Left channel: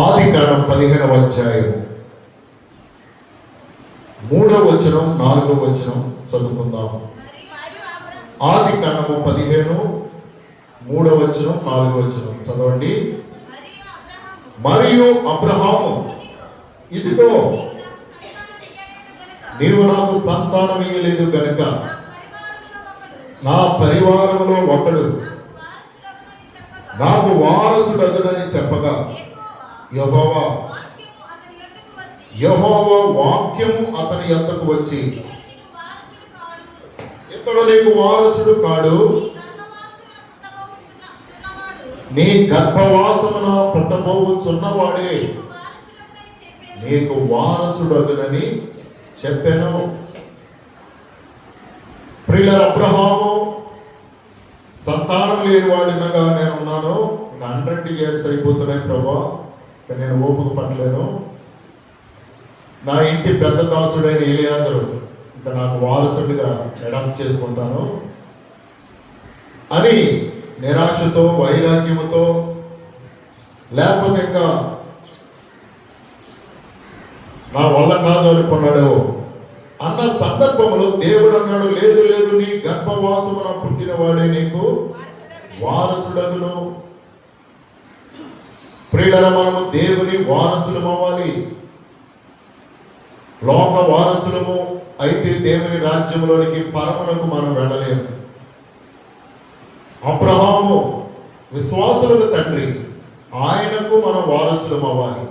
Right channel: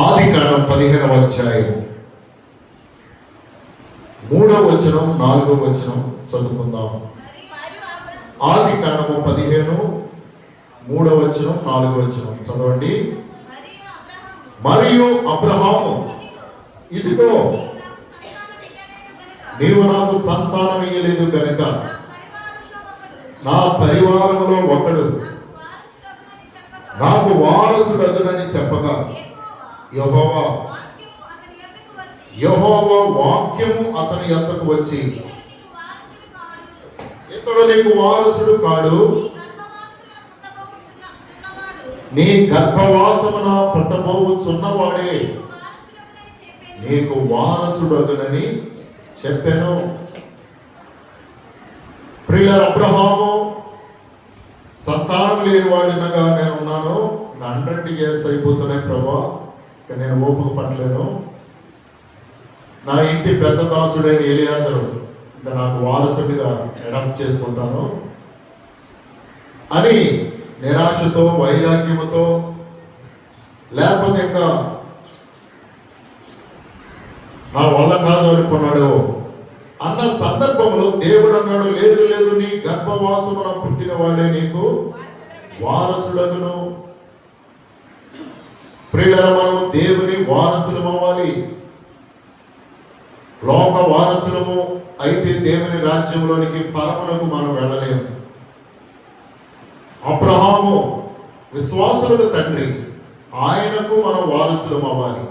ఆదికాండం 15వ అధ్యాయం 3వ వచనం 4వ వచనం చదువుకుందాం. ఆదికాండం 15 3వ వచనం 4వ వచనం చదవండి. మరియు అబ్రహాము, ఇదిగో నీవు నాకు సంతానం ఇయ్యలేదు గనుక నా పరివారంలో ఒకడు నాకు వారసుడగునని చెప్పగా యెహోవా వాక్యము అతని యొద్దకు వచ్చి, ఇతడు నీకు వారసుడు కాడు, నీ గర్భవాసమున పుట్టబోచున్నవాడే నీకు వారసుడగునని చెప్పాను. ప్రియుల అబ్రహాము సంతానం లేని వాడిగా నేనున్నాను. 100 years అయిపోతున్నాయి ప్రభా, నేను ఓపిక పట్టలేను. నా ఇంటి పెద్ద దాసుడైన ఎలియాజు ఇంకా నాకు వారసుడిగా అడాప్ట్ చేసుకుంటాను అని నిరాశతో వైరాగ్యముతో, లేకపోతే ఇంకా నా వల్ల కాదు అనుకున్నాడు అన్న సందర్భంలో దేవుడు అన్నాడు, లేదు లేదు, నీ గర్భవాసమున పుట్టిన వాడే నీకు వారసుడగును. ప్రియులారా, మనము దేవుని వారసులము అవ్వాలి. లోక వారసులము అయితే దేవుని రాజ్యంలోనికి పరములకు మనం వెళ్ళలేము. అబ్రహాము విశ్వాసులకు తండ్రి, ఆయనకు మనం వారసులం అవ్వాలి.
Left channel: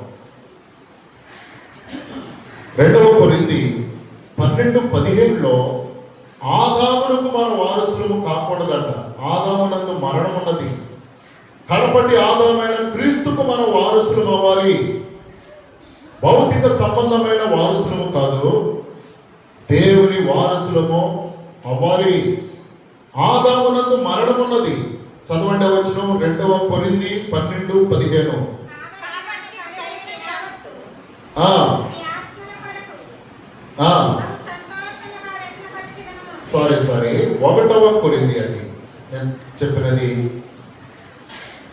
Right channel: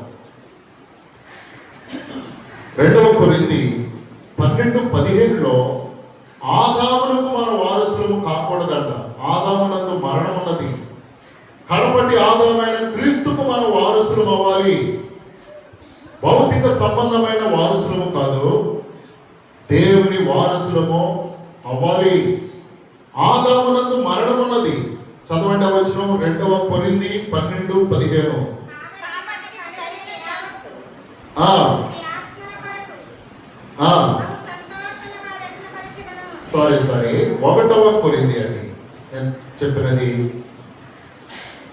2వ కొరింథీ 12:17 ఆదామునకు మన వారసులము కాకూడదంట. ఆదామునందు మరణం ఉన్నది, కడపటి ఆదామైన క్రీస్తుకు మన వారసులం అవ్వాలి. భౌతిక సంబంధమైన వారసులము కాదు, దేవుని వారసులము అవ్వాలి. ఆదామునందు మరణం ఉన్నది. చదవండి వచనం 2వ కొరింథీ 12:17. సారీ 1వ కొరింథీ అండి నేను చెప్పినది.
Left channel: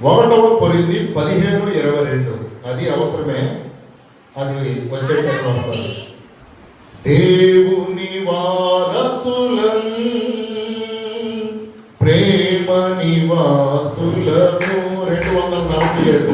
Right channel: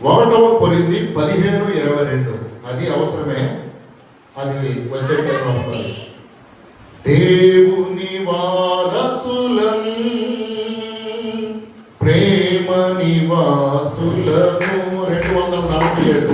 1వ కొరింథీ 15:22. అది అవసరమే, అది వచ్చే వస్తుంది. దేవుని వారసులం, ప్రేమ నివాసులము. 247.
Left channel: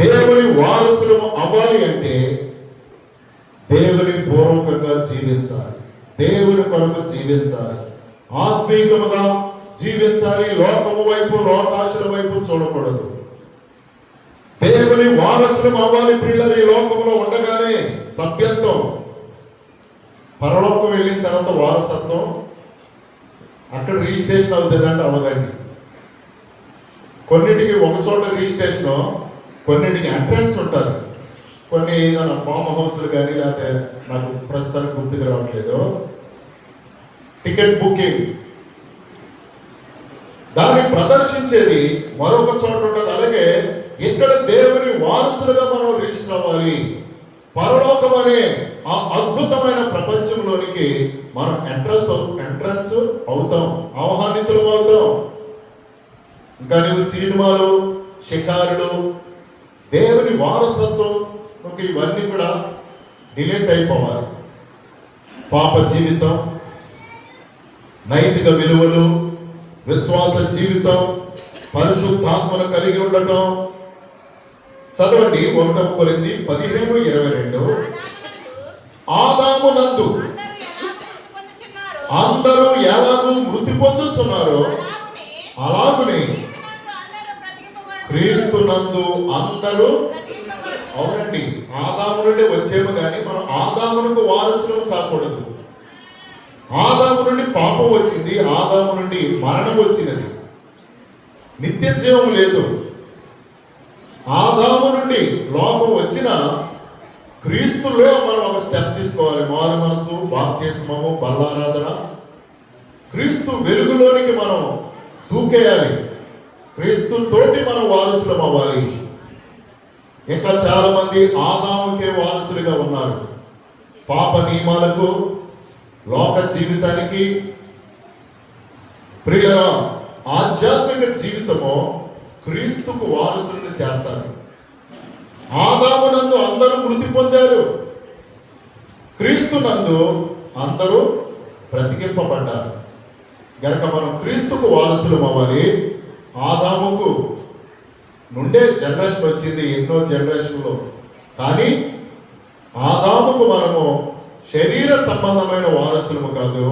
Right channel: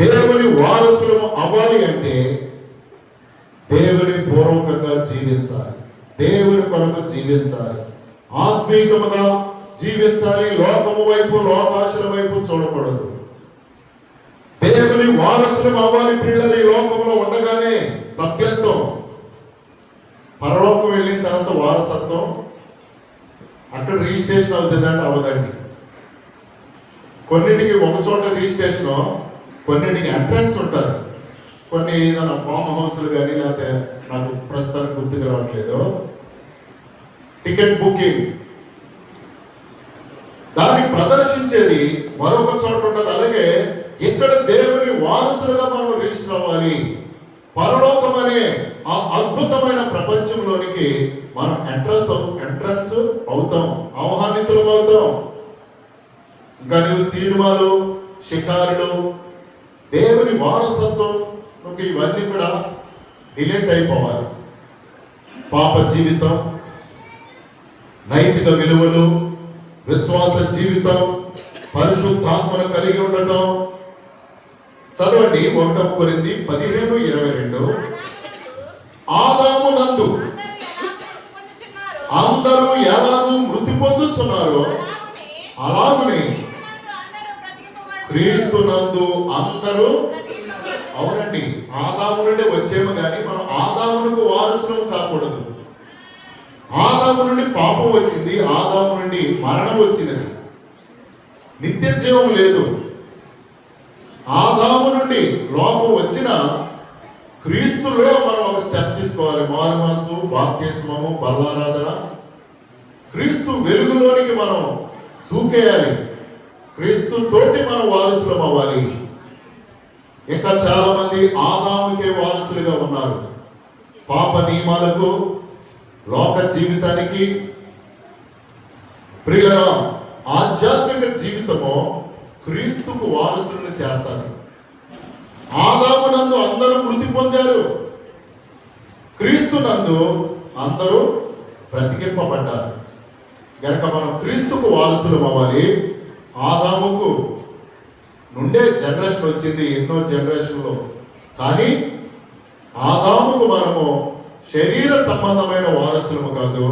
దేవుని వారసులము అవ్వాలి అంటే దేవుని పూర్వకంగా జీవించాలి, దేవుని కొరకు జీవించాలి, ఆత్మీయముగా జీవించాలి. లోకము వైపు, లోకాశల వైపు చూడకూడదు. దేవుని వారసులం అవ్వాలి. ప్రియుల ఈ లోకంలో ఉండగానే సభ్యత్వం, పరలోకం వెళ్ళిన తర్వాత వారసత్వం అక్కడ రిజిస్ట్రేషన్ అవుతుందంటే అవ్వదండి. కొన్నింటికి ఒక చోట రిజిస్ట్రేషన్, కొన్నింటికి ఎంట్రన్స్ ఉంటుంది. కొన్ని ఏదైనా ఫామ్ హౌస్లు కానీ, లేకపోతే నాకు ప్రస్తుతానికి గుర్తుకు రావట్లేదు, టికెట్ బుకింగ్, దాన్ని ప్రదర్శించేది మరొక చోట ఉంటుంది. అలాగే ఇక్కడ దేవుని వారసులుగా మనం రిజిస్టర్ అవ్వాలి. పరలోకం అనే ఆ అద్భుతమైన ప్రపంచంలోనికి మనం ఎంట్రన్స్ అవుతాం, ఆహ్వానితులం అవుతాం. ఇంకా నువ్వు సినిమాలు, షికారులు, దేవుని వారసత్వం ఇవన్నీ కూడా డిలీట్ అయిపోవాలి. పాప జీవితం, నైతిక విలువలు, విశ్వాస జీవితం, పరిశుద్ధాత్మను కలిగి ఉండటం. చదవండి 1 కొరింథీ 15:22. ఆదామునందు అందరూ ఎలాగూ మృతి పొందుతున్నారో అలాగనే క్రీస్తునందు అందరూ. అవునండి, ఆదాము నుండి వచ్చేమో కానీ మనం ఆదామునకు వారసులు కాకూడదు. ఆదాము నుండి పాపం వచ్చింది, ఆదాము నుండి మరణం వచ్చినది, నిత్య జీవం లేదు. ఆదాము నుండి లోపం వచ్చిన క్రీస్తులో మనం ఒక స్టెప్ తీసుకోవాలి. మారు మనసు, బాప్తిస్మము, బలారాధన, క్రీస్తు వెలుగులోనికి మనం దూకేయాలి. క్రీస్తు తోటి మనం వారసులం అవ్వాలి. ఇంకా చాలా మంది ఆదాముకే వారసులుగా ఉన్నారు. పాప నియమాలకు, లోక జీవితానికి. ప్రియుల ఆధ్యాత్మిక జీవితము క్రీస్తుకు వారసులను చేస్తారు. ఆదామునందు అందరూ మృతి పొందారు, క్రీస్తునందు అందరూ బ్రతికింపబడ్డారు. కనుక మనం క్రీస్తుకు వారసులం అవ్వాలి. ఆదాముకు నుండే జనరేషన్ వచ్చింది, ఎన్నో జనరేషన్లో. కానీ ఆదాముకు మనము శరీర సంబంధమైన వారసులము కాదు,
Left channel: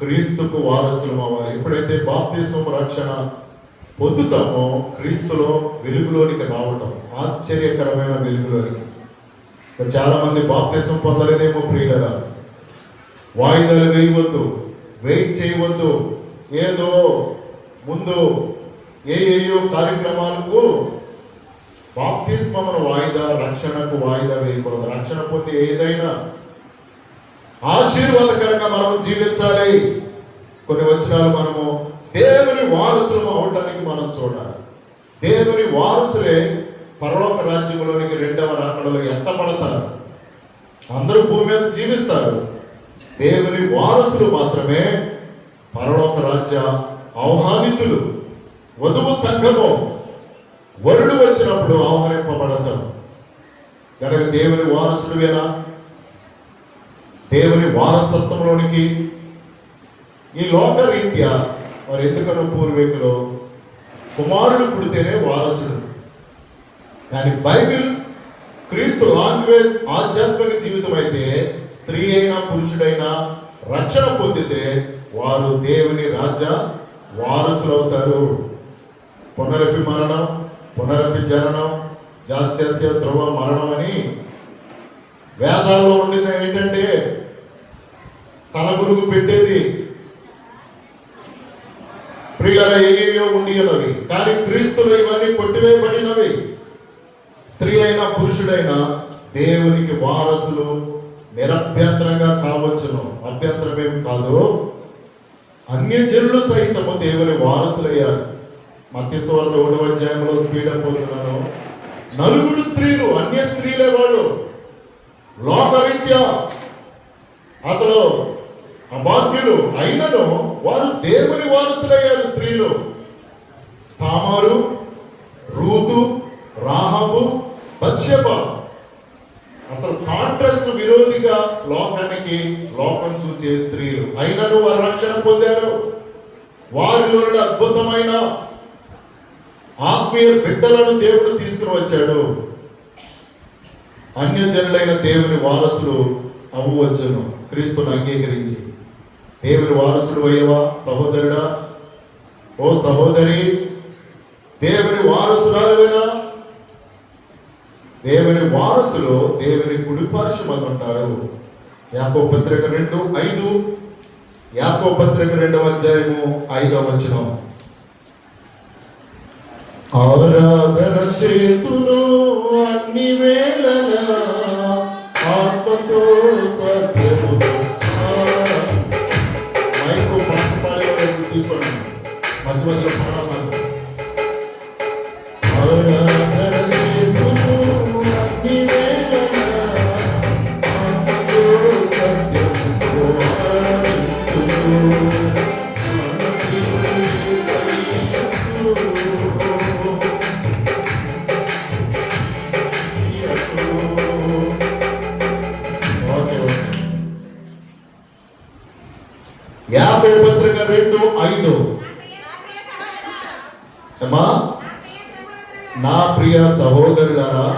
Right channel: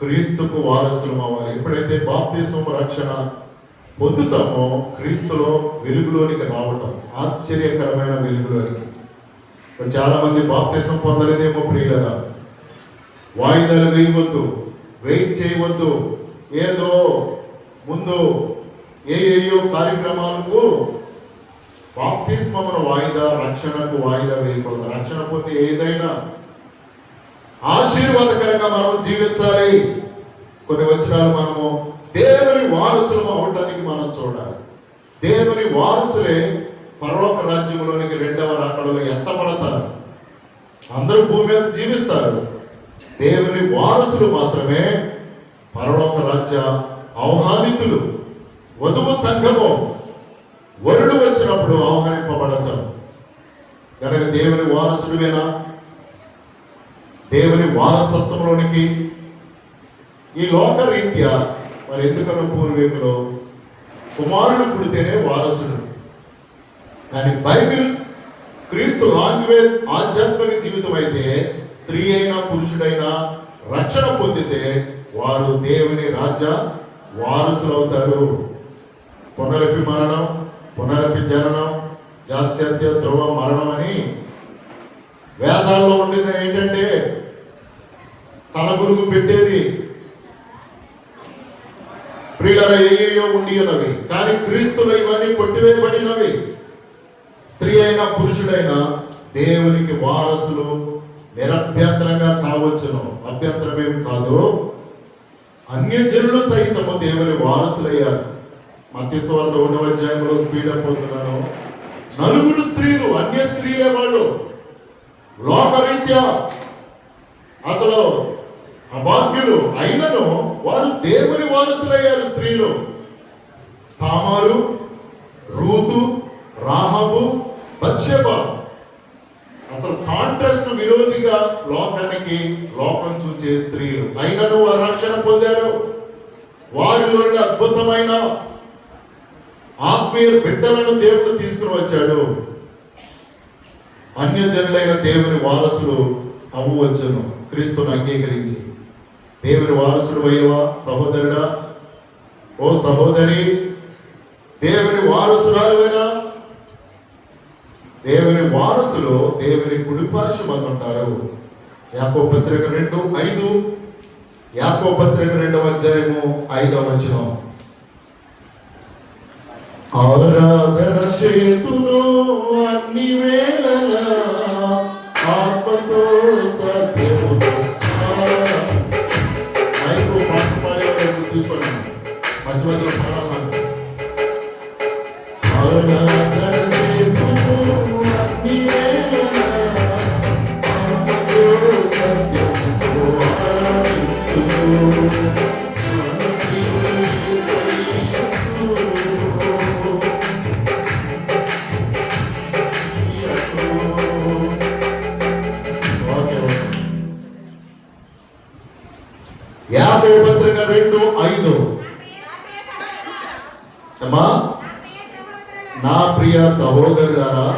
క్రీస్తుకు వారసులము అవ్వాలి. ఎప్పుడైతే బాప్తిస్మము రక్షణ పొందుతామో క్రీస్తులో వెలుగులోనికి రావటం, ఆశ్చర్యకరమైన వెలుగులోనికి. చాలా మంది బాప్తిస్మం పొందలేదేమో ప్రియులరా. వాయిదాలు వేయవద్దు, వెయిట్ చేయవద్దు. ఏదో ముందు ఏయో కార్యక్రమాలకు బాప్తిస్మమును వాయిదా, రక్షణకు వాయిదా వేయకూడదు. రక్షణ పొంది ఏదైనా ఆశీర్వాదకరంగా మనం జీవించాలి. కొన్ని వచనాలు మనము దేవుని వారసులు అవడానికి మనం చూడాలి. దేవుని వారసులే పరలోక రాజ్యంలోనికి 2వ రాకడలో ఎత్తబడతారు. అందరూ భూమి మీద జీవిస్తారు. దేవుని వారసులు మాత్రమే పరలోక రాజ్య ఆహ్వానితులు. వధువు సంఘము వరుడు వచ్చినప్పుడు ఆహ్వానింపబడటం. కనుక దేవుని వారసుడువేనా? దేవుని వారసత్వంలోనికి ఈ లోక రీత్యా మరి ఎందుకన్నా పూర్వీకులు కుమారుడు పుడితేనే వారసుడు. కానీ బైబిల్, క్రీస్తు లాంగ్వేజ్ ఆధ్యాత్మిక జీవితం అయితే స్త్రీ అయినా పురుషుడైనా రక్షణ పొందితే వారు దేవుని రాజ్య వారసులు అవుతారు. పునరపి మరణం, పునరపి జననం, జాస్యత్య ధ్రువ మరణం అని వేదాల్లో ఉండింది. ఏంటంటే తల గురుగు పెట్టేది ప్రియుల ఏయో ఉండి ఉన్నవి. కానీ క్రీస్తులో ఇవన్నీ కొట్టివేయబడినవి. స్త్రీ అయినా పురుషుడైనా దేవునికి వారసులు నిరభ్యంతరంగా కావచ్చును. అభ్యంతరమేమి కాదు. అన్యజనులు సహితము దేవుని వారసులయ్యారు. మత్తయి సువార్త 1వ అధ్యాయంలో స్పీడ్ అయిపోతున్నారు. 4 స్త్రీలు, అన్య స్త్రీలే వాళ్ళు. లోకరీత్యా అసలు అభాగ్యులు అయినను వారు దేవుని వారసులయ్యారు. స్త్రీలు తామారు, రూతు, రాహాబు, బత్షెబ. అసలు కాంట్రాస్ట్ విరోధిగా లోకానికి లోకం చూచే స్త్రీలు అయినను వారు రక్షణ పొందారు. వారిలో అద్భుతమైన ఆత్మీయ బిడ్డలను దేవుడు తీసుకుని వచ్చాడు. అన్యజనులైన దేవుని వారసులు అవ్వవచ్చును క్రీస్తును అంగీకరించి. దేవుని వారసుడు అయ్యవా సహోదరుడా, ఓ సహోదరి, దేవుని వారసురాలువేనా? దేవుని వారసులు దేవుని కుడిపార్శ్వమందు ఉంటారు. యాకోబు పత్రిక 2:5, యాకోబు పత్రిక 2వ అధ్యాయము 5వ వచనం. ఆరాధన చేతును అన్ని వేళలా ఆత్మతో సత్యముతో. తీసుకోండి మధ్య మధ్య ఆరాధన చేతును అన్ని వేళలా ఆత్మతో సత్యముతో. యాకోబు పత్రిక 2:5. అమ్మా, నా ప్రియ సహోదరులారా,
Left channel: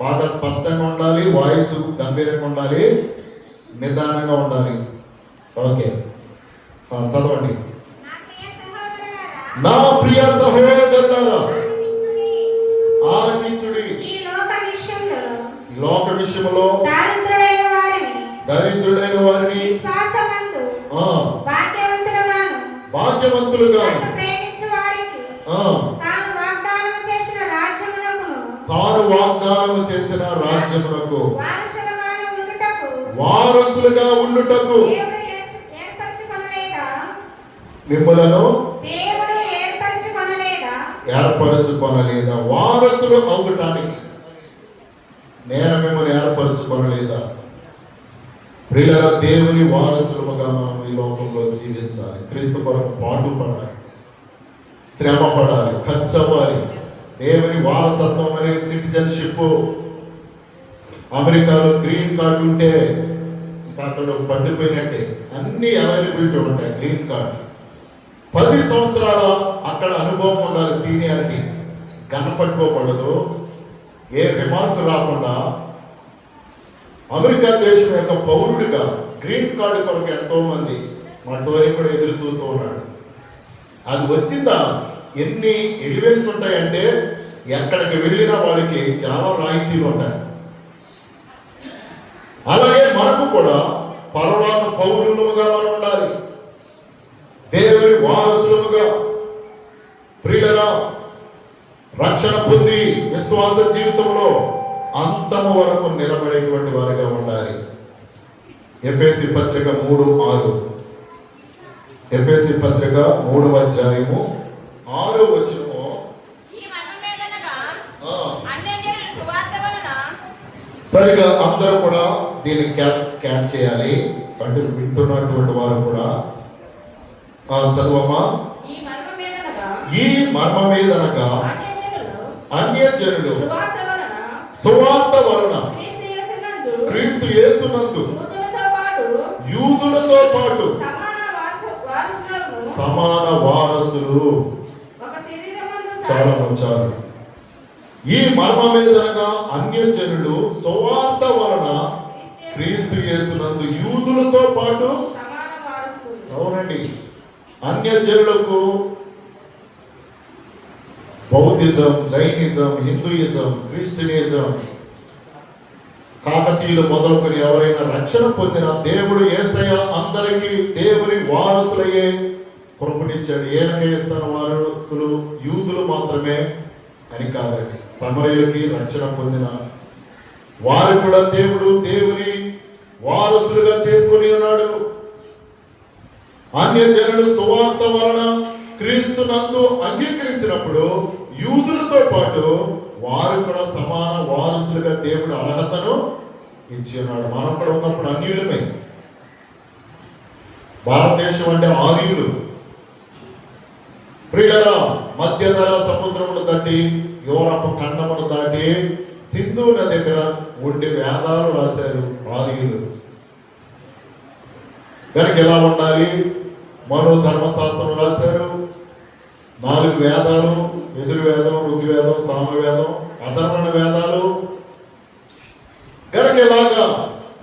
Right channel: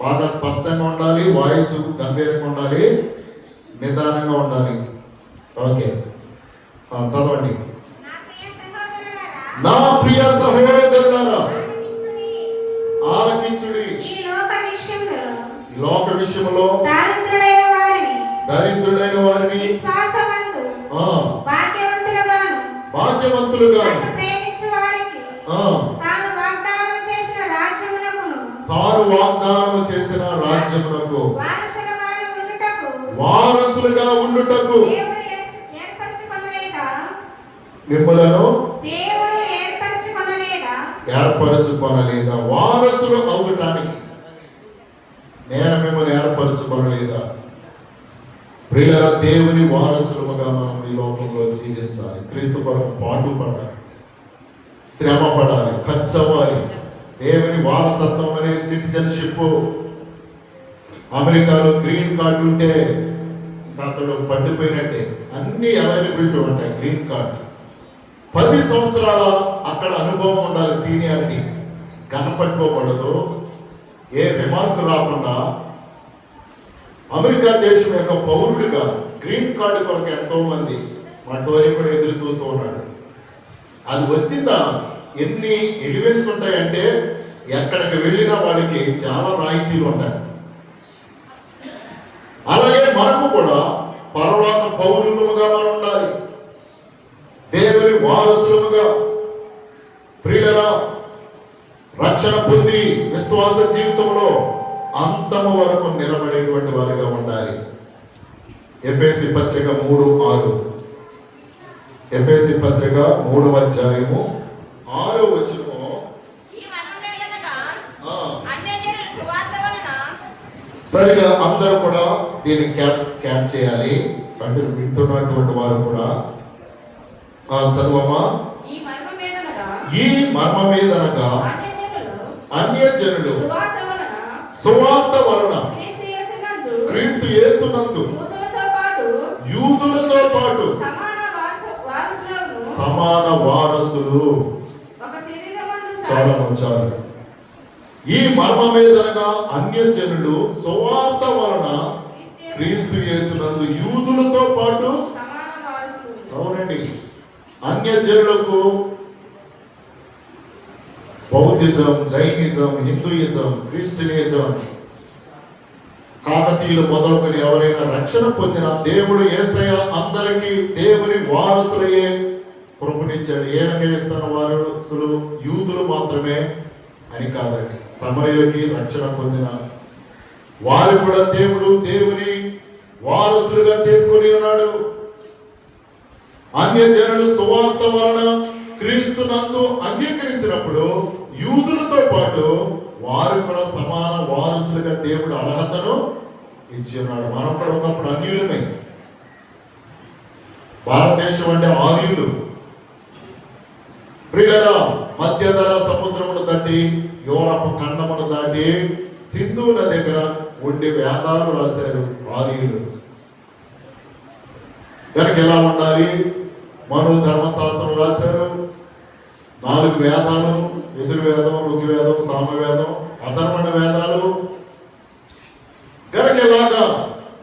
బాగా స్పష్టంగా ఉండాలి, వాయిస్ గంభీరంగా ఉండాలి, నిదానంగా ఉండాలి. ఓకే, చదవండి. నా ప్రియ సహోదరులారా, ఆలకించుడి. ఈ లోక విషయంలో దరిద్రుడైన వారిని భాగ్యవంతులుగా తాను వాగ్దానం చేసిన రాజ్యములకు వారసులుగా ఉండుటకు మిమ్మలను ఏర్పరచుకోనలేదా? వారసులు అవటానికి నేను మిమ్మల్ని ఏర్పరచుకోనలేదా? ప్రియులారా, దేవుని వారసులుగా మనం ఈ లోకంలో జీవించాలి. క్రీస్తు కొరకు పాటుపడాలి, శ్రమ పడాలి, ఖర్చవ్వాలి. దేవుని వారసత్వం అనే సిటిజన్షిప్, అమెరికాలో గ్రీన్ కార్డు ఉంటే అతడు పండిపోయినట్టే, అన్ని అవైలబిలిటీ ఉంటాయి. గ్రీన్ కార్డు 10 సంవత్సరాల అక్కడ అనుభవం ఉండాలి, సీనియారిటీ కనపట్టుకోకూడదు, ఏ రిమార్కు రాకుండా అమెరికా దేశం యొక్క పౌరుడిగా గ్రీన్ కార్డు కొరకు ఎంతో మంది అటువరకు కూడా ఎదురు చూస్తూ ఉన్నాడు. అది వచ్చిందా ఎన్ని ఎలివెన్స్ ఉంటాయంటే ఎక్కడికి వెళ్ళిన వాళ్ళకి చాలా రాయితీలు ఉంటాయి. అలాగే మనకు కూడా పరలోక పౌరులుగా మనం ఉండాలి, దేవుని వారసులుగా. ప్రియులరా, రక్షణ పొంది విశ్వాస జీవితంలో అంతము వరకు నిలబడేటువంటి వారిగా ఉండాలి. ఎఫెసీ పత్రిక 3:6. ఎఫెసీ పత్రిక 3:6 సరిగా అందరూ కూడా దీన్ని క్యాచ్ చేయాలి. అంటే వింటున్నటువంటి వారు కూడా చదువమ్మా. ఈ మర్మమేదనగా అన్యజనులు సువార్త వలన క్రీస్తు యేసునందు యూదులతో పాటు సమాన వారసులు. చాలా ఉంచారు. ఈ మర్మమేదనగా అన్యజనులు సువార్త వలన క్రీస్తు యేసునందు యూదులతో పాటు. అవునండి, అన్యజనులకు బౌద్ధిజం, జైనిజం, హిందూయిజం, క్రిస్టియనిజం, కాకతీయులు మొదలుకొని ఎవరైనా రక్షణ పొందిన దేవుడు యేసయ్య అందరికీ దేవుని వారసులయ్యే కృపనిచ్చాడు. ఏళ్ళకి ఇస్తున్న వారసులు యూదులు మాత్రమే అని కాదండి, సమరయులకి రక్షణ పొందిన వారు కూడా దేవుడు దేవుని వారసులుగా చేసుకుని ఉన్నాడు. అన్యజనులు సువార్త వలన క్రీస్తునందు అంగీకరించినప్పుడు యూదులతో పాటు వారు కూడా సమాన వారసులుగా దేవుడు అర్హతను ఇచ్చి ఉన్నాడు. మనం కూడా ఒకప్పుడు అన్యులమే. భారతదేశం అంటే ఆర్యులు. ప్రియులారా, మధ్యధరా సముద్రమును దాటి యూరప్ ఖండమును దాటి సింధు నది దగ్గర ఉండి వేదాలు రాశారు ఆర్యులు. దానికి ఎలా ఉండాలి? మరో ధర్మశాస్త్రం రాశారు. 4 వేదాలు, యజుర్వేదం, ఋగ్వేదం, సామవేదం, అధర్వణ వేదాలు. కనుక ఇలాగా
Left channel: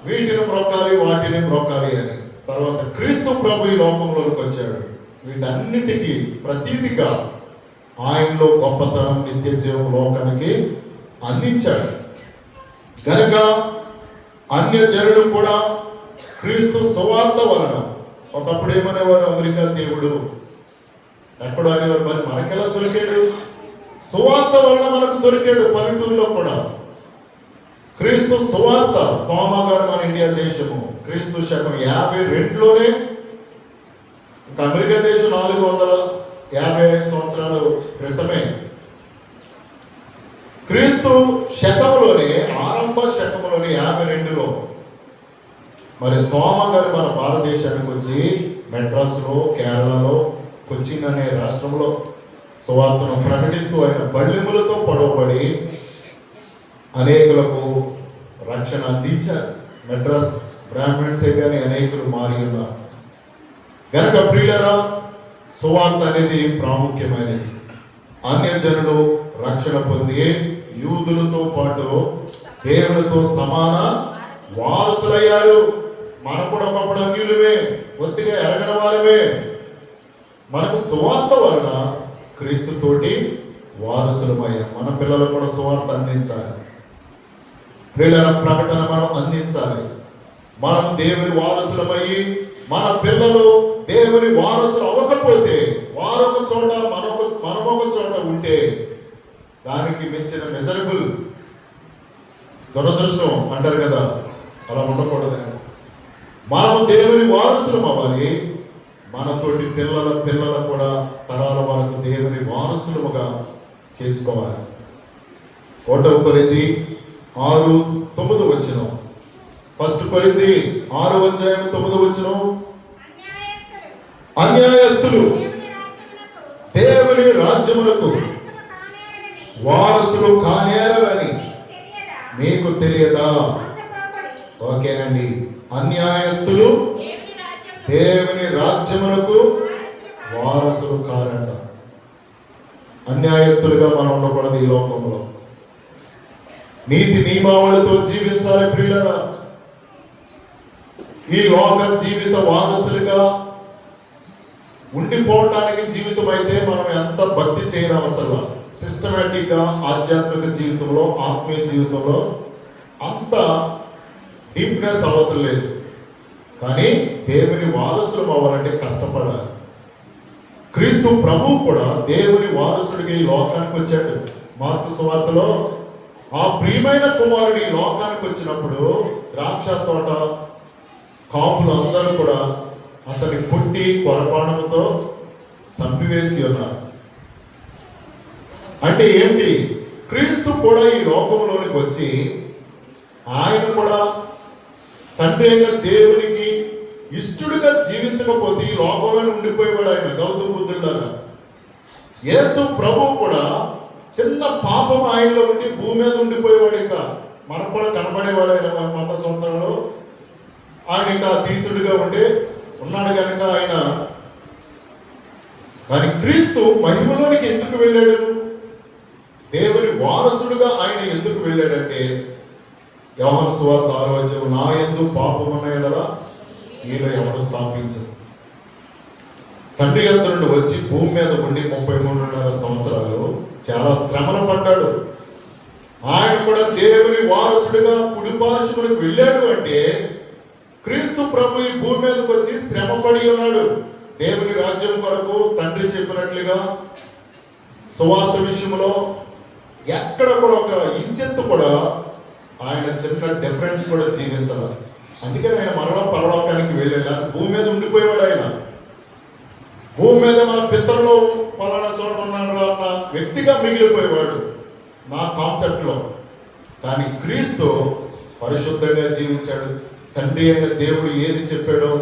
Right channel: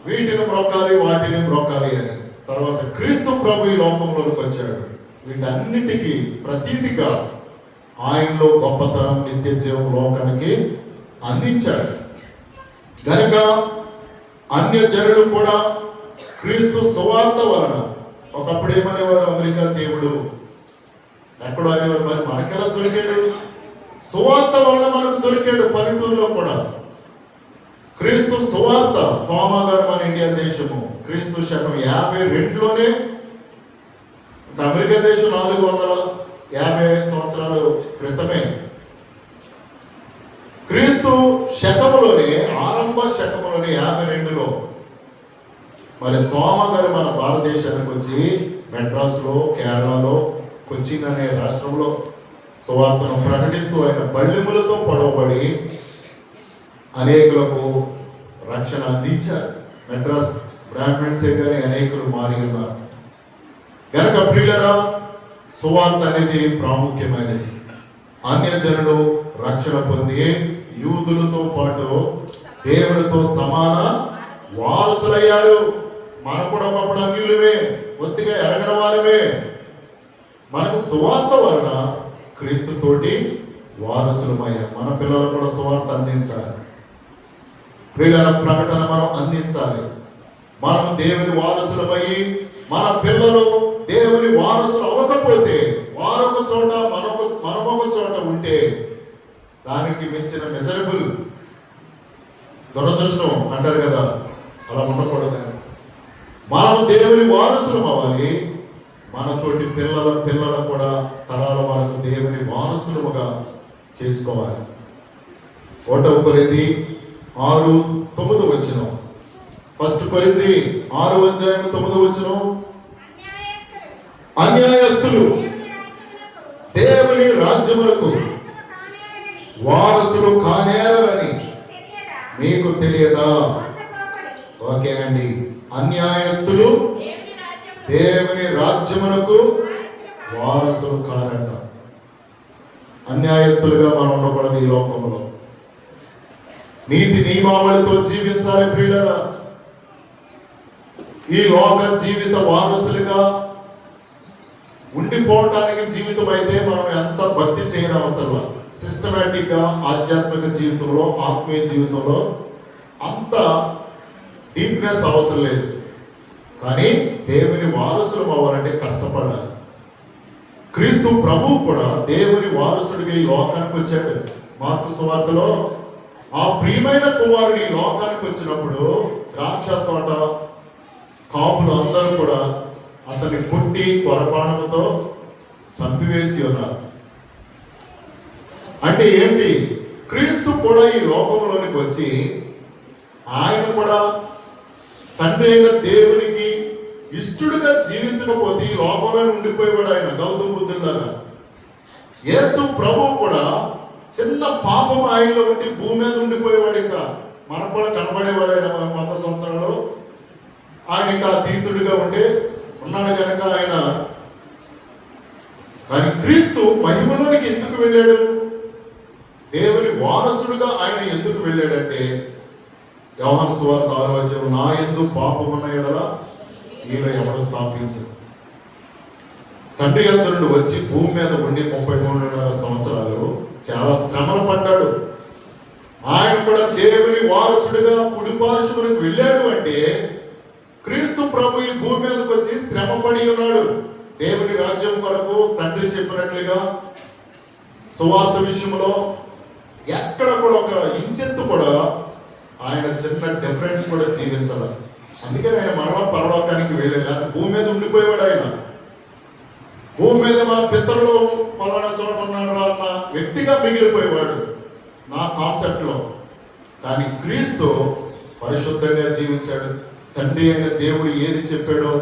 వీటిని బ్రొక్కాలి, వాటిని బ్రొక్కాలి అని. తర్వాత క్రీస్తు ప్రభు ఈ లోకంలోకి వచ్చాడు. వీటన్నిటికీ ప్రతీతిగా ఆయనలో గొప్పతనం, నిత్య జీవం లోకానికి అందించాడు. కనుక అన్యజనులు కూడా క్రీస్తు సువార్త వలన, ఒకప్పుడు ఏమనేవారు? అమెరికా దేవుడు ఎప్పుడు అనేవారు, మరి మనకెలా దొరికాడు? సువార్త వలన మనకు దొరికాడు. పల్లెటూరులో కూడా క్రీస్తు సువార్త. తోమా గారు మన ఇండియా దేశము క్రీస్తు శకం 52లోనే, అమెరికా దేశం 450 సంవత్సరాల క్రితమే. క్రీస్తు శకములోనే, ఆరంభ శకములోనే 52లో మరి తోమా గారు మన భారతదేశానికి వచ్చి మెడ్రాస్లో, కేరళలో, కొచ్చిన్ అనే రాష్ట్రంలో సువార్తను ప్రకటిస్తూ ఆయన బల్లెములతో పొడవబడి అనేకులకు రక్షణ అందించారు. మెడ్రాస్ బ్రాహ్మణ్సే కానీ అనేకులు మారి ఉన్నారు. గనక ప్రియులారా, సువార్త అనేది ప్రాముఖ్యమైనది. అన్యజనులు రక్షణ పొంది యూదులతో పాటు దేవునితో సమాన వారసులయ్యారు. మనం కూడా ఒకప్పుడు అన్యులమే, కొద్దిగా ఎరగని వారమే. మనకు సువార్త వలన క్రీస్తుతోటి వారసులమయ్యాం. మన పిల్లలు కూడా సువార్త అందించాలి. ప్రియుల ప్రకటన మనం అందించాలి. మనం దేవుని వారసులమయ్యి మన పిల్లలు దేవుని వారసులు అవ్వకపోతే వారొక చోట మనమొక చోట ఉంటే దానికి మించిన మెజరబుల్ దురదృష్టం అంటారు కదా, అలా ఉండకూడదు. మనం దేవుని వారసులం అవ్వాలి. మనతోటి పిల్లల కూడా తరాల వరకు దేవుని వారసులుగా చేసుకోవాలి. 1 కొరింథీ 6:9 1 కొరింథీ 6:9 అన్యాయస్తులు దేవుని రాజ్యములకు వారసులు కానేరని మీకు తెలియదా? ఓకేనండి. అన్యాయస్తులు దేవుని రాజ్యములకు వారసులు కారట. అన్యాయస్తులుగా మనం ఉండకూడదు. ఈ లోకంలో నీతి నియమావళితో జీవించాలి. ప్రియులారా, ఈ లోక జీవిత వారసులుగా ఉండిపోవటానికి జీవితం అయితే మనం ఎంత భక్తి చేయడం అవసరం. సిస్టమేటిక్ గా ఆధ్యాత్మిక జీవితంలో, ఆత్మీయ జీవితంలో అంత డీప్నెస్ అవసరం లేదు. కానీ దేవుని వారసులు అవ్వాలంటే కష్టపడాలి. క్రీస్తు ప్రభు కూడా దేవుని వారసుడిగా ఈ లోకానికి వచ్చాడు. మార్కు సువార్తలో ఆ ప్రియమైన కుమారుడు ఈ లోకానికి వచ్చినప్పుడు ద్రాక్ష తోట కాపులు అందరూ కూడా అతని పుట్టి కొరపానముతో చంపివేసి ఉన్నారు. అంటే ఏంటి? క్రీస్తు కూడా ఈ లోకంలోనికి వచ్చి ఆయన కూడా తండ్రి అయిన దేవునికి ఇష్టడుగా జీవించకపోతే ఈ లోకంలో ఉండిపోయేవాడు. ఆయన గౌతమ బుద్ధుడిలాగా యేసు ప్రభు కూడా చిన్న పాపం ఆయనలో ఉండి భూమి మీద ఉండిపోయేవాడు. ఇంకా మనకు కూడా కనబడేవాడు. ఆయన 100 సంవత్సరాలు ఆయన ఇంకా తీర్థుడిగా ఉండి ఉన్నాడు కనుక ఆయన. కానీ క్రీస్తు మహిమలోనికి ఎందుకు వెళ్ళాడు? దేవుని వారసుడుగా ఆయన ఎందుకు వెళ్ళాడంటే, యోహాను సువార్త 6:6 నా యందు పాపమున్నయెడల మీరే ఎవరు స్థాపించు. తండ్రి యొద్ద నుండి వచ్చి భూమి మీద ఉండి 33.5 సంవత్సరాలు చాలా శ్రమలు పడ్డాడు. ఆయన కూడా దేవుని వారసుడిగా కుడిపార్శ్వమునకు వెళ్ళాడు. అంటే క్రీస్తు ప్రభు ఈ భూమి మీదకి వచ్చి శ్రమ పడి ఉన్నాడు. దేవుని రాజ్యం కొరకు తండ్రి చెప్పినట్లుగా సువార్త విషయంలో ఎక్కడ కూడా ఒక ఇంచెత్తు కూడా ఆయన చెప్పిన డిఫరెన్స్ కూడా జీవించాలి. అందుకే ఆయన మరలా పరలోకానికి వెళ్ళలేదు. భూమి మీద ఉండిపోయేవాడు. ఆయన భూమి మీద మన పితరులు పలానా చోట ఉన్నాడు అన్న వ్యక్తిగా మిగిలిపోయేవాడు నా కాన్సెప్ట్ లో. కానీ క్రీస్తు పరిశుద్ధంగా జీవించాడు. తండ్రి అయిన దేవుడు ఏది చెప్పాడో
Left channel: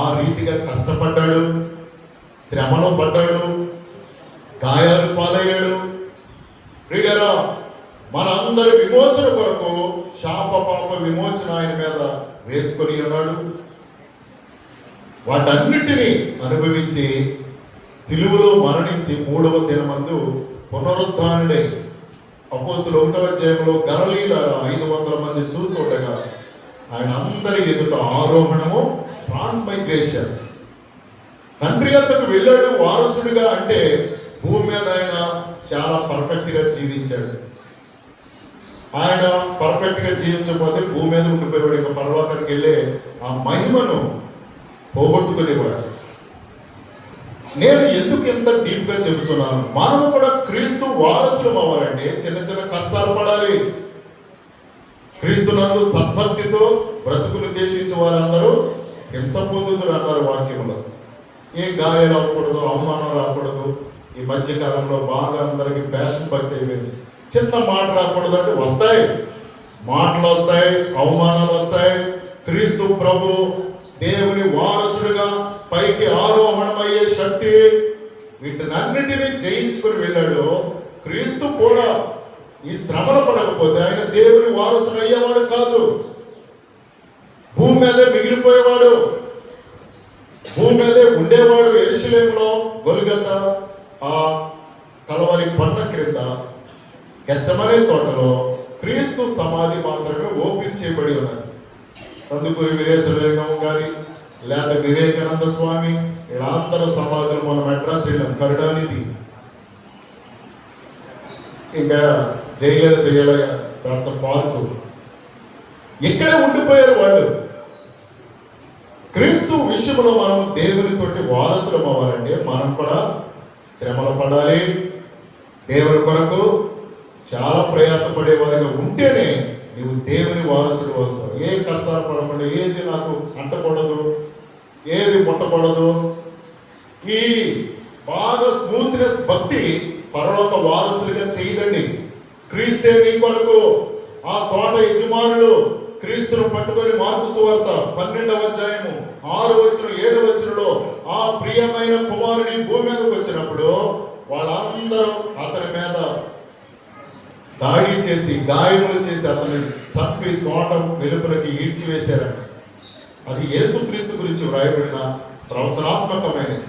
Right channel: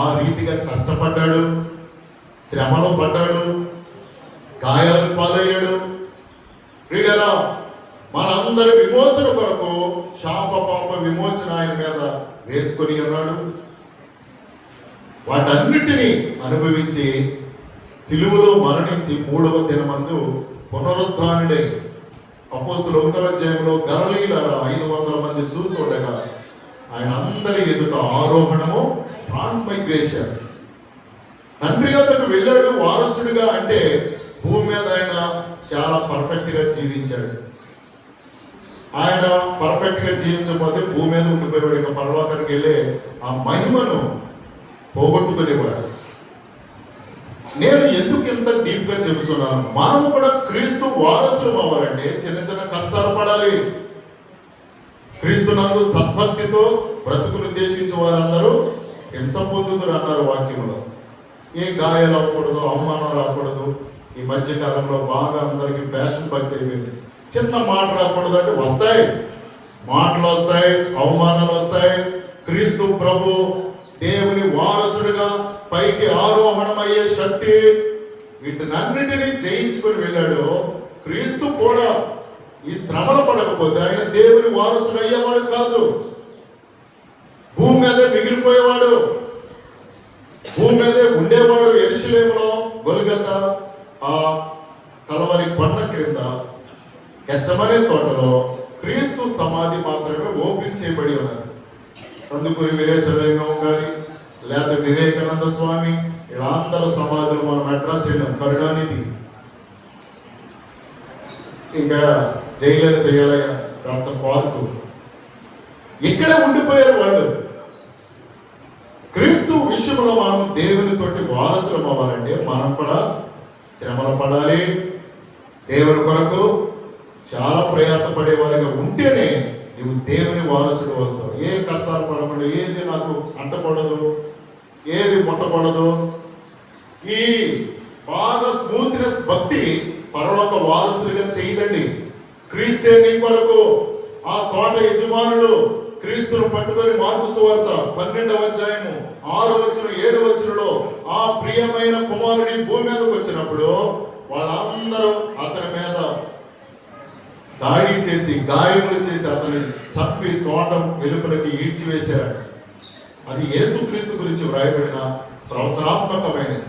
ఆ రీతిగా కష్టపడ్డాడు, శ్రమలో పడ్డాడు, గాయాలు పాలయ్యాడు. ప్రియులారా, మనందరి విమోచన కొరకు శాప పాప విమోచన ఆయన మీద వేసుకొని ఉన్నాడు. వాటన్నిటినీ అనుభవించి సిలువలో మరణించి 3వ దినమందు పునరుత్థానుడై అపోస్తుల 1వ అధ్యాయంలో గలిలయ 500 మంది చూస్తుండగా ఆయన అందరి ఎదుట ఆరోహణము, ట్రాన్స్మైగ్రేషన్. తండ్రి యొద్దకు వెళ్ళాడు వారసుడిగా. అంటే భూమి మీద ఆయన చాలా పర్ఫెక్ట్ గా జీవించాడు. ఆయన పర్ఫెక్ట్ గా జీవించకపోతే భూమి మీద ఉండిపోయాడు. ఇంకా పరలోకానికి వెళ్ళే ఆ మహిమను పోగొట్టుకునేవాడు. నేను ఎందుకు ఇంత డీప్ గా చెబుతున్నాను? మనం కూడా క్రీస్తు వారసులు అవ్వాలంటే చిన్న చిన్న కష్టాలు పడాలి. క్రీస్తునందు సద్భక్తితో బ్రతుకును దేశించే వారందరూ హింస పొందుతున్నారు అన్నారు వాక్యంలో. ఏ గాయాలు అవ్వకూడదు, అవమానాలు అవ్వకూడదు. ఈ మధ్య కాలంలో బాగా అందరికి ఫ్యాషన్ భక్తి అయిపోయింది. చిన్న మాట రాకూడదు అంటే వస్తాయి, మాటలు వస్తాయి, అవమానాలు వస్తాయి. క్రీస్తు ప్రభు దేవుని వారసుడిగా పైకి ఆరోహణమయ్యే శక్తి వీటినన్నిటినీ జయించుకుని వెళ్ళాడు. క్రీస్తు కూడా ఈ శ్రమలు పడకపోతే ఆయన దేవుని వారసుడు అయ్యేవాడు కాదు. భూమి మీదే మిగిలిపోయేవాడు, భూమి మీదే ఉండేవాడు. యెరూషలేములో గొల్గొతా ఆ కలవరి పండ క్రింద గెత్సెమనే తోటలో క్రీస్తు సమాధి మాత్రమే ఓపెన్ చేయబడి ఉన్నది. కందుకూరి వీరేశలింగం గారి లేదా వివేకానంద స్వామి వీళ్ళందరూ సమాధులు మనం అడ్రస్ వెళ్ళాం. కరుణానిధి, ఇంకా జయలలిత పార్కు ఇక్కడ ఉండిపోయారు వాళ్ళు. క్రీస్తు విషయంలో మనం దేవునితోటి వారసులం అవ్వాలంటే మనం కూడా శ్రమలు పడాలి. దేవుని కొరకు చాలా ప్రయాసపడే వారిగా ఉంటేనే నువ్వు దేవుని వారసుడు అవుతావు. ఏ కష్టాలు పడకుండా, ఏది నాకు అంటకూడదు, ఏది ముట్టకూడదు. ఈ బాగా స్మూత్నెస్ భక్తి పరలోక వారసులుగా చేయదండి. క్రీస్తే నీ కొరకు ఆ తోట యజమానులు క్రీస్తును పట్టుకొని మార్కు సువార్త 12వ అధ్యాయము 6 వచనం 7 వచనంలో ఆ ప్రియమైన కుమారుని భూమి మీదకి వచ్చినప్పుడు వాళ్ళందరూ అతని మీద దాడి చేసి గాయములు చేసి అతని చంపి తోట వెలుపలకి ఈడ్చివేశారు. అది యేసుక్రీస్తు గురించి వ్రాయబడిన ప్రవచనాత్మకమైనది.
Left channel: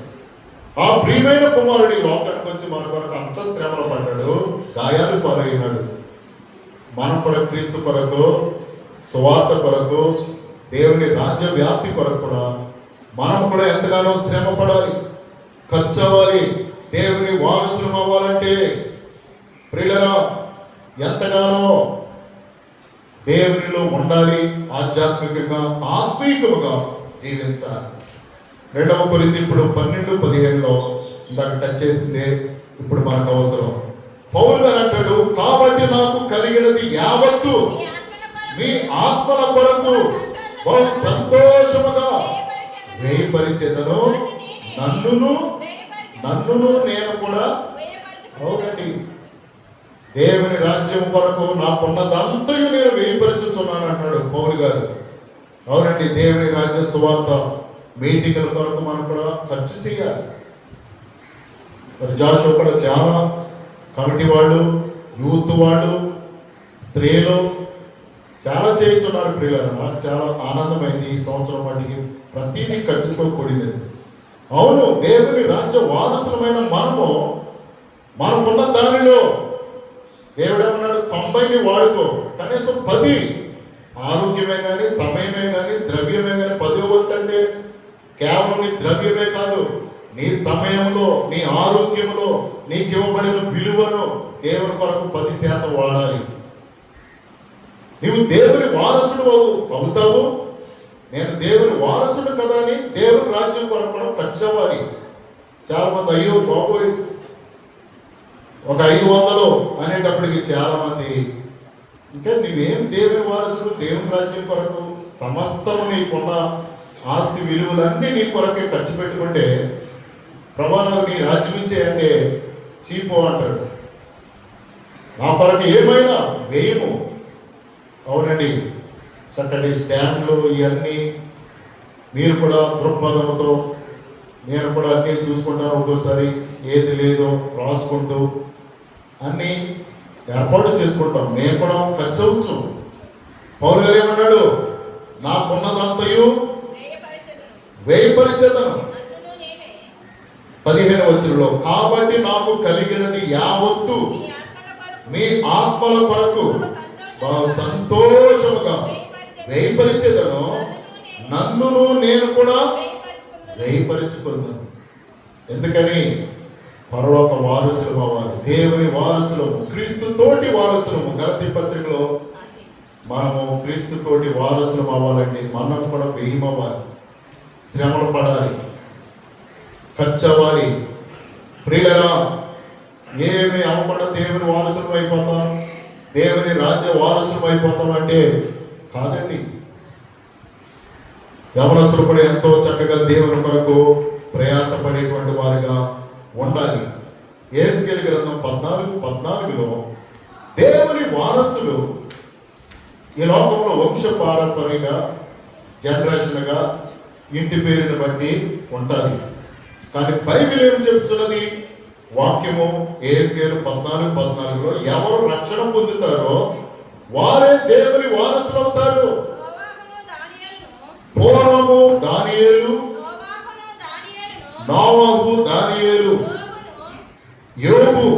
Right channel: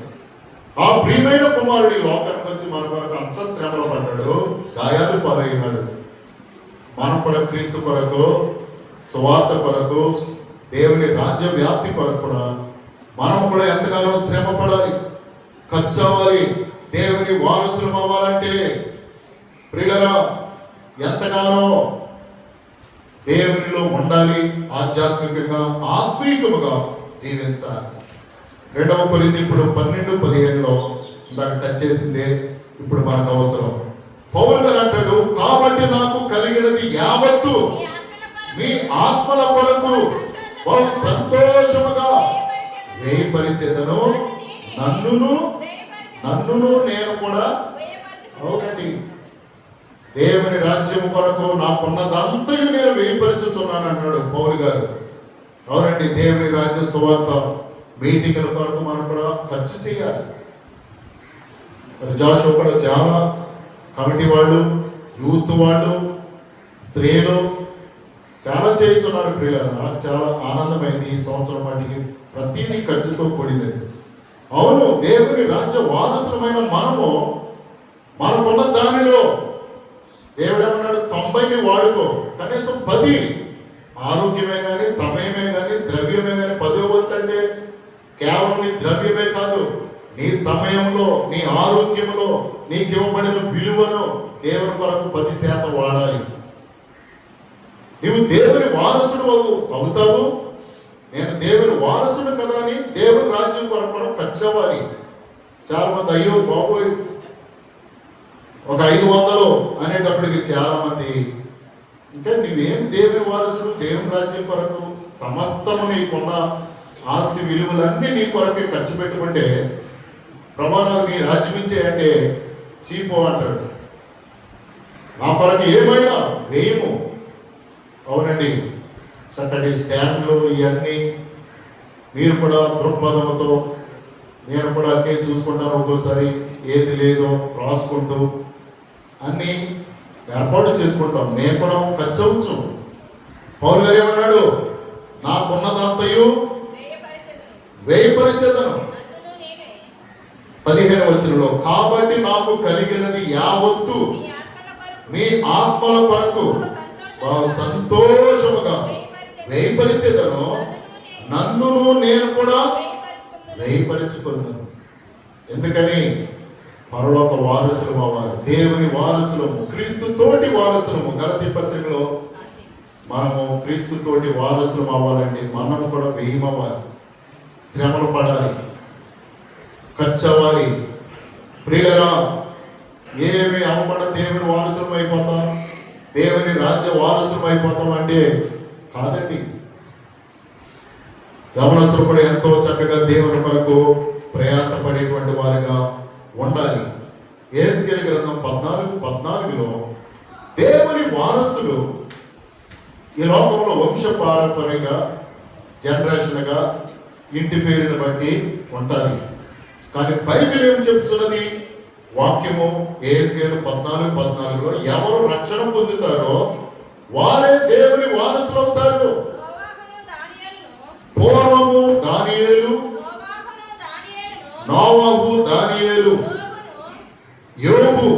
ఆ ప్రియమైన కుమారుడి లోకానికి వచ్చి మన కొరకు అంత శ్రమలు పడ్డాడు, గాయాలు పాలైనాడు. మనం కూడా క్రీస్తు కొరకు, సువార్త కొరకు, దేవుని రాజ్య వ్యాప్తి కొరకు కూడా మనం కూడా ఎంతగానో శ్రమ పడాలి, ఖర్చు అవ్వాలి. దేవుని వారసులం అవ్వాలంటే ప్రియులరా ఎంతగానో దేవునిలో ఉండాలి, ఆధ్యాత్మికంగా ఆత్మీయముగా జీవించాలి. 2వ కొరింథీ ఇప్పుడు 12:15 ఇందాక టచ్ చేసిందే ఇప్పుడు మనకు అవసరం. పౌలు గారు అంటాడు, కాబట్టి నాకు కలిగినది యావత్తు మీ ఆత్మల కొరకు బహు సంతోషముగా వేయపరిచెదను, నన్నును నేను కూడా. అవునండి, దేవుని రాజ్యం కొరకు నాకున్నదంతయు నేను వేయపరచుచున్నాను అన్నాడు పౌలు గారు. అవునండి, దేవుని రాజ్య సువార్త మీటింగ్ల కొరకు మనం కూడా ఖర్చు చేయాలి. జాషువా కూడా చాలా కమిటీ వాళ్ళు, యూత్ వాళ్ళు, స్త్రీలు చాలా చేయించున్నారు. ప్రియులారా, నాకు చాలా ఆనందమైంది. ఈ సంవత్సరం వాటికి ప్రతిదీ ఖర్చుతో కూడింది. అవును, దేవుని రాజ్య వారసులమైన మనకున్న దానిలో దేవుడు ఏమన్నాడు, 90ని వాడుకో, కనీసం 10 ఆరోగ్యమే కానీ, సమయమే కానీ, ద్రవ్యమే కానీ. 10వ వంతు అంటే కేవలం నీ ద్రవ్యమే కాదు, నీ సమయంలో, నీ ఆరోగ్యంలో నీకు ఇవ్వబడిన విలువను దేవుని కొరకు 10% వాడాలి. నువ్వు దేవుని వారసుడు అవుతావు. నేను దేవుని వారసుడు కదా అని దేవుని రాజ్యం కొరకు కూడా ఖర్చు అవ్వాలి. చాలా మంది అయ్యో బాబోయ్ ఒక 500 అనేటప్పటికి చాలా మంది ఇంకా నీవేం దేవుని వారసుడు, దేవుని రాజ్యం కొరకు సమస్తము నీకున్న ఆస్తి విలువలన్నీ నీ కొరకే ఖర్చు పెట్టుకుంటే ప్రభావం నీ రాజ్యం ఇచ్చేయంటే చీపు అంటాడు. నా కొరకు ఏమైనా వేయము. అవునండి, చక్కటి స్టాండ్లు ఇవన్నీ మీరు కూడా దృక్పథంతో, నేను కూడా అన్నీ చూసుకుంటాను. ఒక్కోసారి ఏది లేదో రాసుకుంటూ అన్నీ ఏర్పాటు చేసుకుంటాం. నేను కూడా ఖర్చు అవచ్చు. పౌలు గారు ఏమన్నాడు, నాకున్నదంతయు వేయపరిచెదను. 15వ వచనంలో కాబట్టి నాకు కలిగినది యావత్తు మీ ఆత్మల కొరకు సంతోషముగా వేయపరిచెదను, నన్నును నేను కూడా వేయపరచుకున్నాను. ఎందుకని పరలోక వారసులం అవ్వాలి, దేవుని వారసులము, క్రీస్తు తోటి వారసులము. గలతీ పత్రికలో మనము క్రీస్తు తోటి వారసులం అవ్వాలంటే మనం కూడా వేయమవ్వాలి, శ్రమలు పడాలి, ఖర్చు అవ్వాలి. ప్రియులరా, ఏమి అవ్వకుండా దేవుని వారసులం అయిపోతాం, దేవుని రాజ్య వారసులం అయిపోతాం అంటే కాదండి. యవనస్తులు కూడా ఎంతో చక్కగా దేవుని కొరకు ప్రయాసపడేటువంటి వారిగా ఉండాలి. యెహెజ్కేలు గ్రంథం 14:14 దేవుని వారసులు ఈ లోకంలో వంశ పారంపర్యంగా జనరేషన్గా ఇంటి పేరుని బట్టి ఉంటారు. కానీ బైబిల్ ఏం చెప్తున్నది? వాక్యము ఏహెజ్కేలు 14:14లో ఎవరు రక్షణ పొందుతారో వారే దేవుని వారసులు అవుతారు. పూర్వము దానియేలు, నోవహు, దానియేలు, యోబు,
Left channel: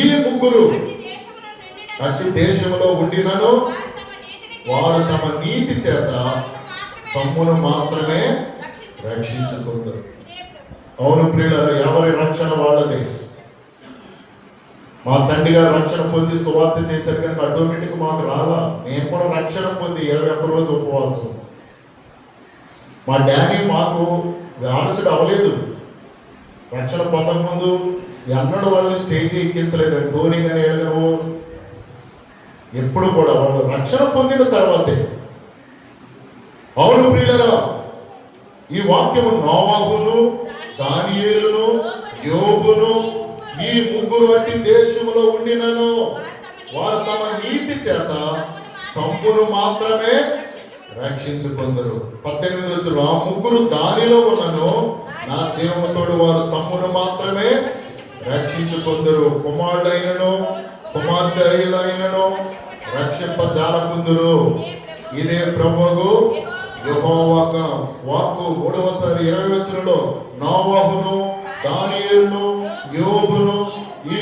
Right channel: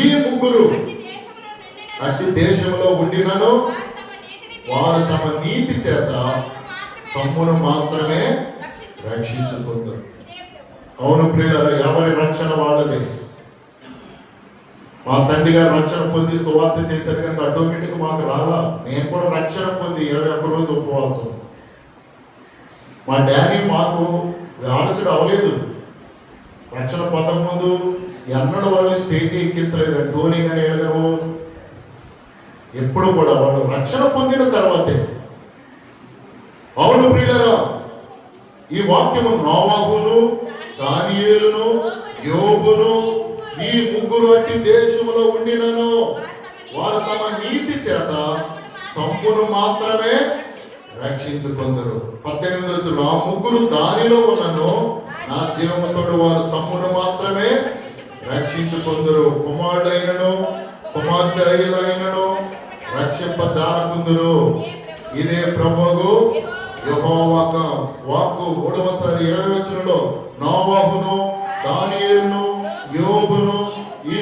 ఈ ముగ్గురు అట్టి దేశంలో ఉండినను వారు తమ నీతి చేత తమ్మును మాత్రమే రక్షించుకుంటారు. అవును ప్రియులారా, ఎవరి రక్షణ వాళ్ళది. మా తండ్రి గారు రక్షణ పొంది సువార్త చేశారు కానీ ఆటోమేటిక్ మాకు రాలా. నేను కూడా రక్షణ పొంది 21 రోజు ఉపవాసం. మా డాడీ మాకు వారసుడు అవ్వలేదు. రక్షణ పొందక ముందు ఎన్నడూ వాళ్ళు స్టేజ్ ఎక్కించలేదు. ధోని కానీ వెళ్ళరు, ఎప్పుడు కూడా వాళ్ళు రక్షణ పొందిన తర్వాతే. అవును ప్రియులారా, ఈ వాక్యము నోవహును, దానియేలును, యోబును, ఈ ముగ్గురు వంటి దేశంలో ఉండినను వారు తమ నీతి చేత తమ్మును మాత్రమే రక్షించుకుందరు. 18 వచ్చులో ఆ ముగ్గురు దానిలో ఉన్నను నా జీవముతుడు వారు తమ్మును మాత్రమే రక్షించుకుందరు. కుమారులైనను కుమార్తెలైనను రక్షింపజాలకుందురు. ఇదే ప్రభువు యెహోవా వాక్కు. 3వ 20 వచనంలో నోవహును, దానియేలును, యోబును, ఈ